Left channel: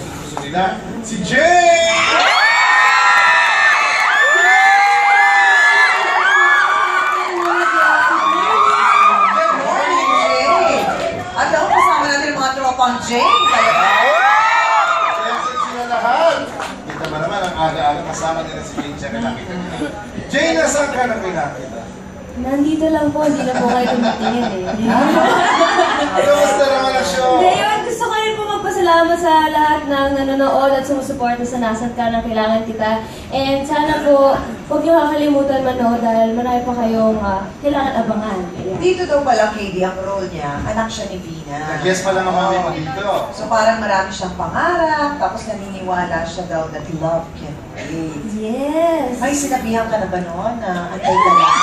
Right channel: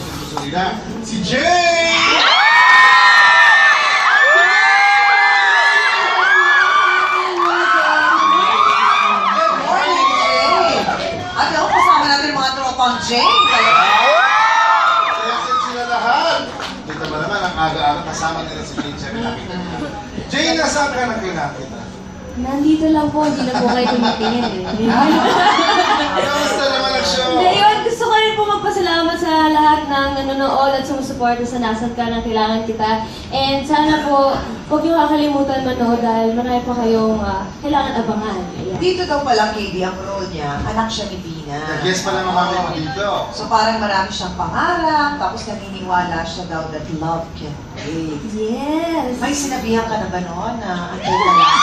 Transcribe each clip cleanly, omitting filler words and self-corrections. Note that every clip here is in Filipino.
gusto nila. Si Jay! At ako kasama natin yung mga tropang Jane. Kaya sila lahat. Kita ba naman, ang aga-aga kasama nila si Jane siya nakita niya. Jane, nasaan ka na kinakita? Nandito lang po, hindi na po kayo tumitingin eh. Kamusta naman ang show? Ngayon, gusto ko rin po magpasalamat sa lahat ng nanonood at sumusuporta sa Nasaan Ka na Kailangan Kita. And sana po, huwag niyo kakalimutan manood dahil marami pa kayong kailangan abangan. Ayan. Dito daw pala, KD, ang role niya, anak siya ni Tina. Nag-guess pala mami mo dito. So parang marami siyang pangarap, tapos naniniwala siya daw that love can wait. Yes! May sinabihan ka na ba noon na antay ka lang?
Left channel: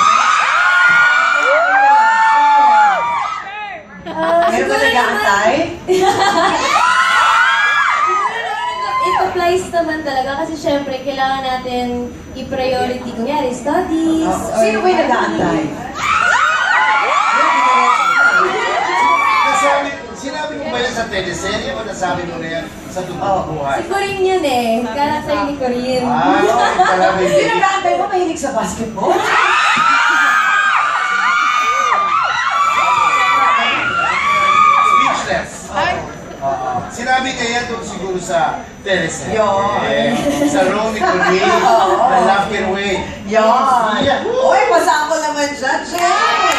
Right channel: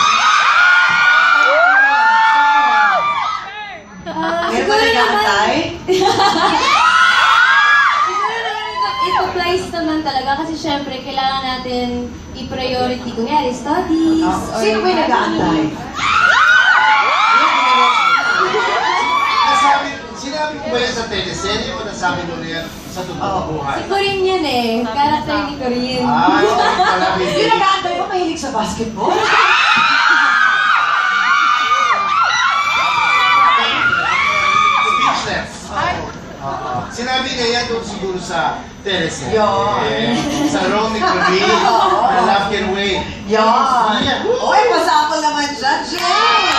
Meron ba nag-aantay? Siguro naman it applies naman talaga kasi syempre kailangan natin i-priority kunyari studies or Sino ba yung nag-aantay? Sinabi mo ba yan sa teleserye o nasabi mo na yan sa totoong buhay? Si Corinne yun eh. Character ni Corinne. Okay pala, baby. Yung nag-aantay ba mahilig sa basketball? Speechless. Sinabi niya yan doon siguro sa teleserye. Yun. Sa Romy Corinne, na Love Can Wait. Yan. Yeah. Uy, pasako naman dyan, Jay!